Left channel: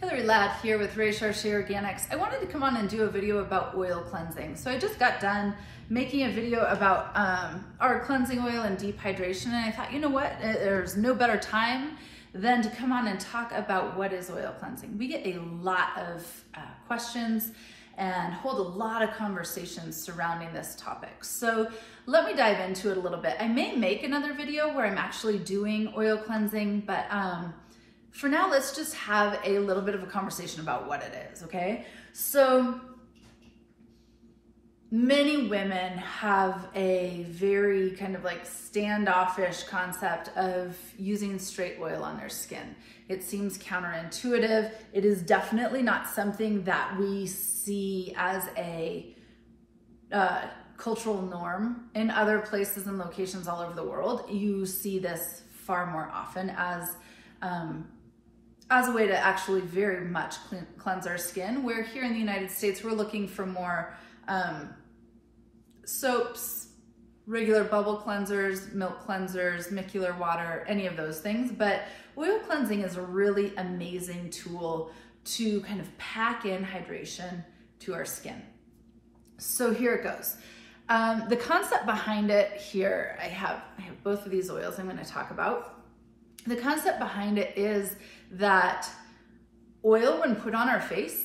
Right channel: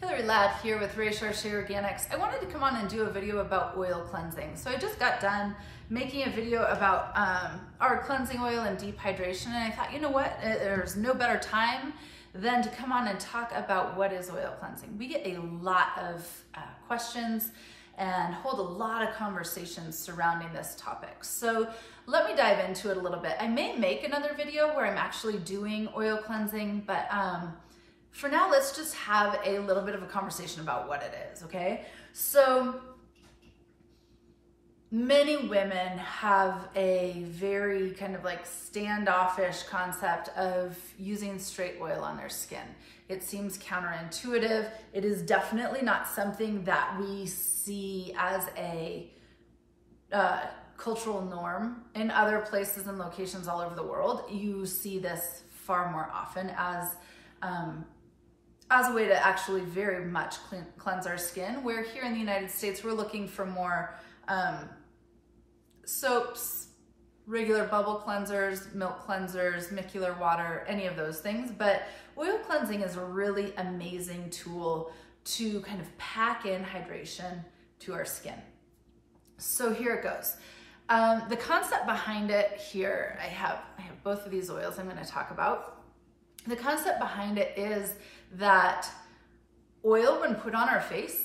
Hillary Ladd here with Recherche Organics. I wanted to come on and do a video about oil cleansing. So I just got done making a video about our cleansing oil and dehydration, and I thought, you know what, there's no better time than to come on and talk about what is oil cleansing. We get a lot of questions and hold a lot of conversations surrounding this topic. So let me dive into it a little bit. I may make another video where I'm actually doing oil cleansing, but for now, let's just have a little bit of a conversation about what it is, okay? So many women have a very kind of like standoffish concept of using straight oil on their skin. It seems counterintuitive. It is definitely not something that we see as a cultural norm. In other places and locations all over the world, you see this far more often as a way to actually very much cleanse our skin, where here in the United States, we're looking for more soaps, regular bubble cleansers, milk cleansers, micellar water, any of those things. But oil cleansing is a really amazing tool to kind of pack in hydration to our skin. So here it goes. The concept behind it here, I have both of these oils I'm going to talk about. The concept behind it is that oil, when put on our face,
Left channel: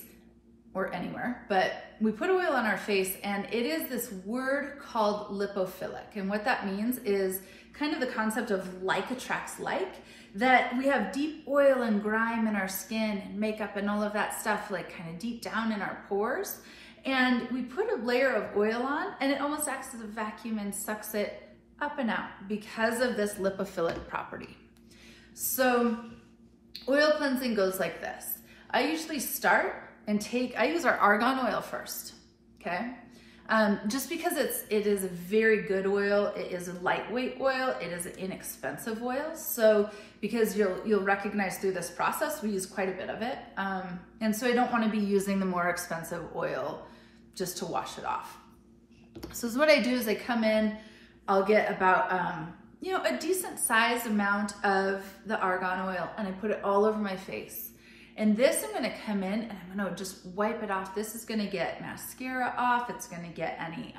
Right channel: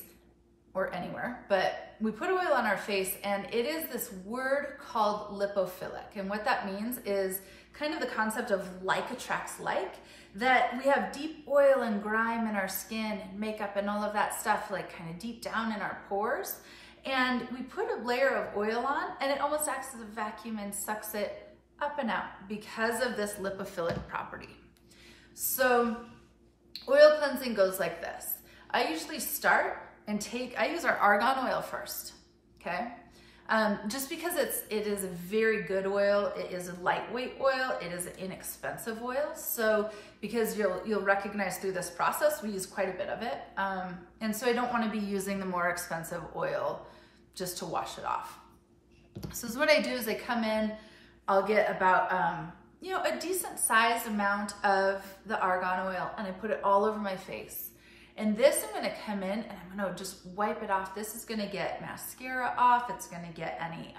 or anywhere, but we put oil on our face, and it is this word called lipophilic. And what that means is kind of the concept of like attracts like, that we have deep oil and grime in our skin and makeup and all of that stuff, like kind of deep down in our pores. And we put a layer of oil on, and it almost acts as a vacuum and sucks it up and out because of this lipophilic property. So oil cleansing goes like this. I usually start and I use our argan oil first, okay? Just because it is a very good oil, it is a lightweight oil, it is an inexpensive oil. So because you'll recognize through this process, we use quite a bit of it. And so I don't wanna be using the more expensive oil just to wash it off. So what I do is I come in, I'll get about, a decent sized amount of the argan oil, and I put it all over my face. And this, I'm gonna come in and I'm gonna just wipe it off. This is gonna get mascara off. It's gonna get any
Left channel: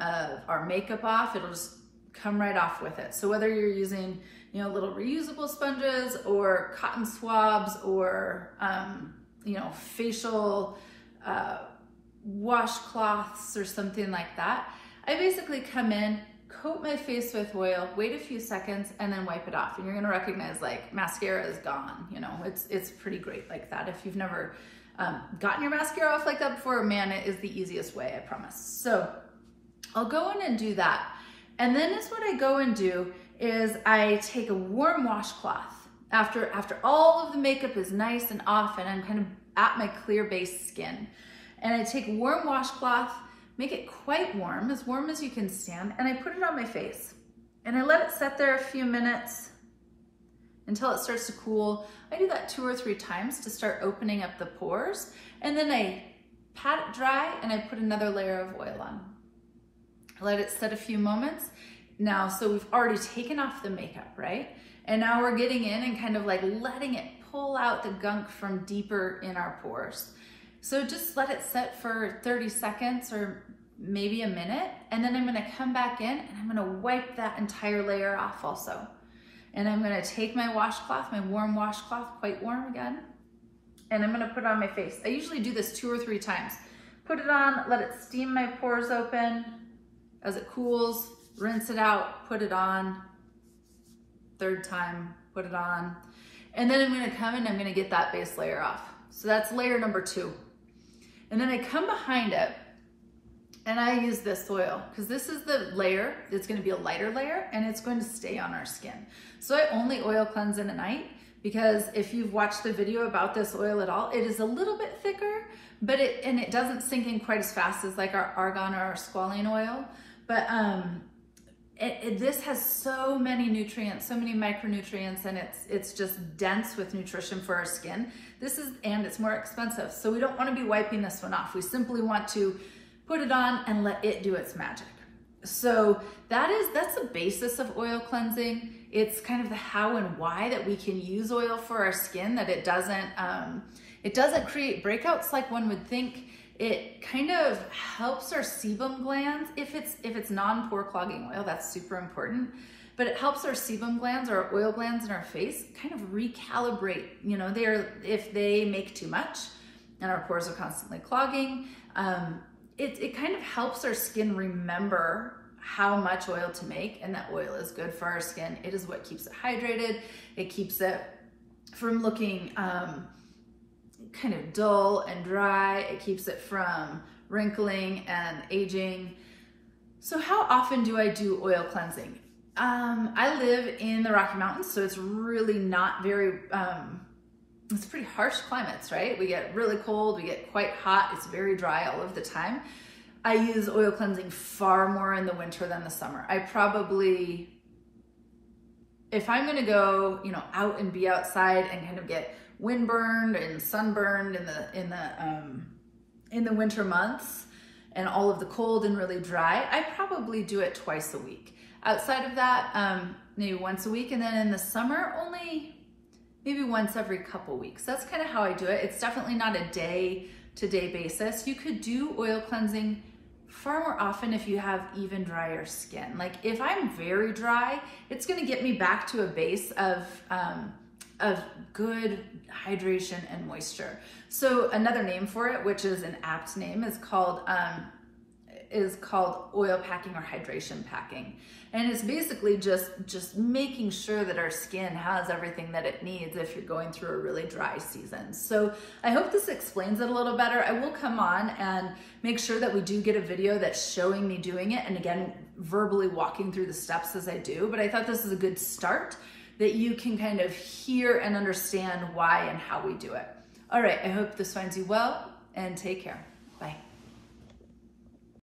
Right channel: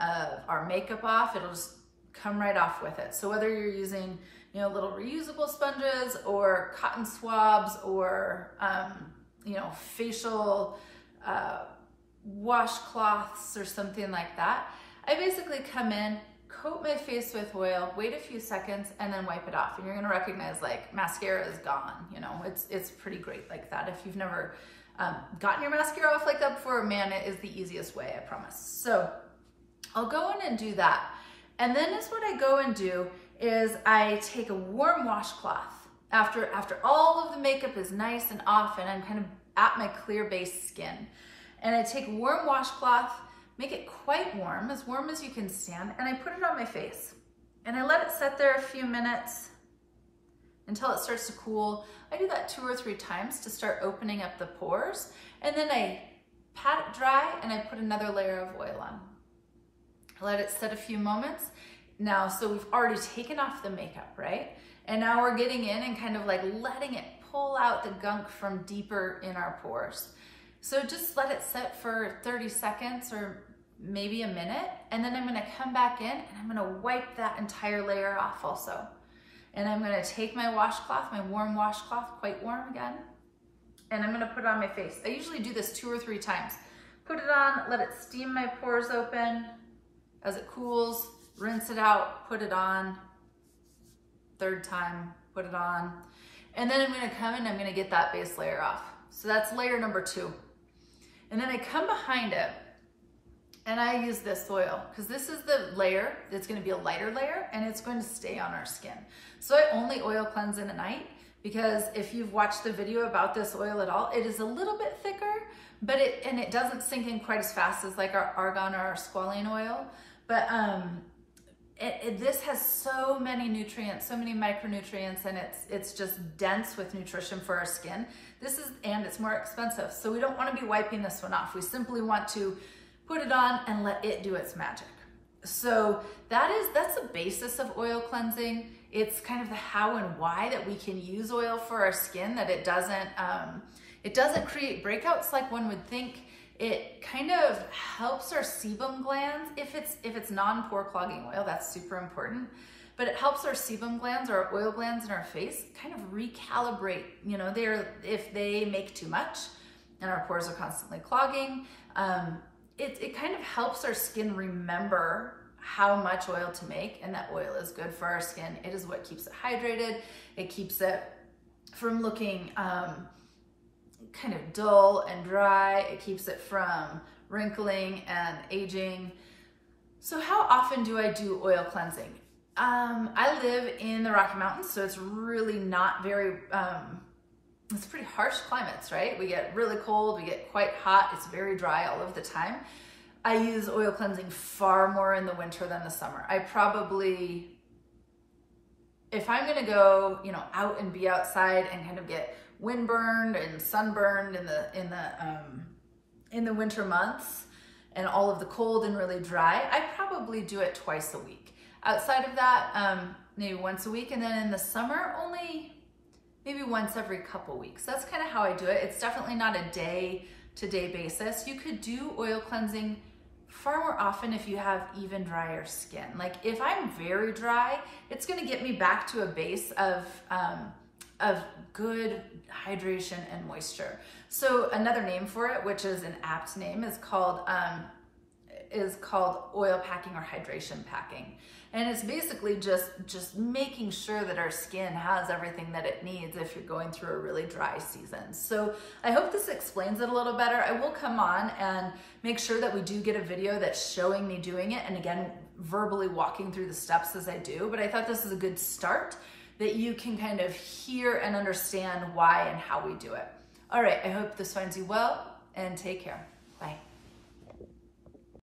of our makeup off. It'll just come right off with it. So whether you're using, little reusable sponges or cotton swabs or, facial washcloths or something like that, I basically come in, coat my face with oil, wait a few seconds, and then wipe it off. And you're gonna recognize like mascara is gone. It's pretty great like that. If you've never gotten your mascara off like that before, man, it is the easiest way, I promise. So I'll go in and do that. And then what I go and do is I take a warm washcloth after all of the makeup is nice and off and I'm kind of at my clear base skin. And I take a warm washcloth, make it quite warm as you can stand, and I put it on my face. And I let it sit there a few minutes until it starts to cool. I do that 2 or 3 times to start opening up the pores. And then I pat it dry and I put another layer of oil on. I let it sit a few moments. Now, so we've already taken off the makeup, right? And now we're getting in and kind of like letting it pull out the gunk from deeper in our pores. So just let it sit for 30 seconds or maybe a minute, and then I'm gonna come back in and I'm gonna wipe that entire layer off also. And I'm gonna take my washcloth, my warm washcloth, quite warm again, and I'm gonna put it on my face. I usually do this 2 or 3 times. Put it on, let it steam my pores open. As it cools, rinse it out, put it on. 3rd time, put it on. And then I'm gonna come in, I'm gonna get that base layer off. So that's layer number 2. And then I come behind it and I use this oil because this is the layer. It's going to be a lighter layer and it's going to stay on our skin. So I only oil cleanse in the night because if you've watched the video about this oil at all, it is a little bit thicker, but it doesn't sink in quite as fast as like our argan or our squalene oil. But this has so many nutrients, so many micronutrients, and it's just dense with nutrition for our skin. And it's more expensive. So we don't want to be wiping this one off. We simply want to put it on and let it do its magic. So that's the basis of oil cleansing. It's kind of the how and why that we can use oil for our skin, that it doesn't create breakouts like one would think. It kind of helps our sebum glands. If it's non-pore clogging oil, that's super important. But it helps our sebum glands, or oil glands in our face, kind of recalibrate. You know, if they make too much and our pores are constantly clogging, it kind of helps our skin remember how much oil to make, and that oil is good for our skin. It is what keeps it hydrated. It keeps it from looking kind of dull and dry. It keeps it from wrinkling and aging. So how often do I do oil cleansing? I live in the Rocky Mountains, so it's really not very, it's pretty harsh climates, right? We get really cold, we get quite hot, it's very dry all of the time. I use oil cleansing far more in the winter than the summer. I probably, if I'm gonna go, you know, out and be outside and kind of get windburned and sunburned in the winter months and all of the cold and really dry, I probably do it twice a week. Outside of that, maybe once a week, and then in the summer, only maybe once every couple weeks. That's kind of how I do it. It's definitely not a day-to-day basis. You could do oil cleansing far more often if you have even drier skin. Like if I'm very dry, it's gonna get me back to a base of good hydration and moisture. So another name for it, which is an apt name, is called oil packing or hydration packing. And it's basically just making sure that our skin has everything that it needs if you're going through a really dry season. So I hope this explains it a little better. I will come on and make sure that we do get a video that's showing me doing it, and again, verbally walking through the steps as I do. But I thought this is a good start, that you can kind of hear and understand why and how we do it. All right, I hope this finds you well, and take care. Bye.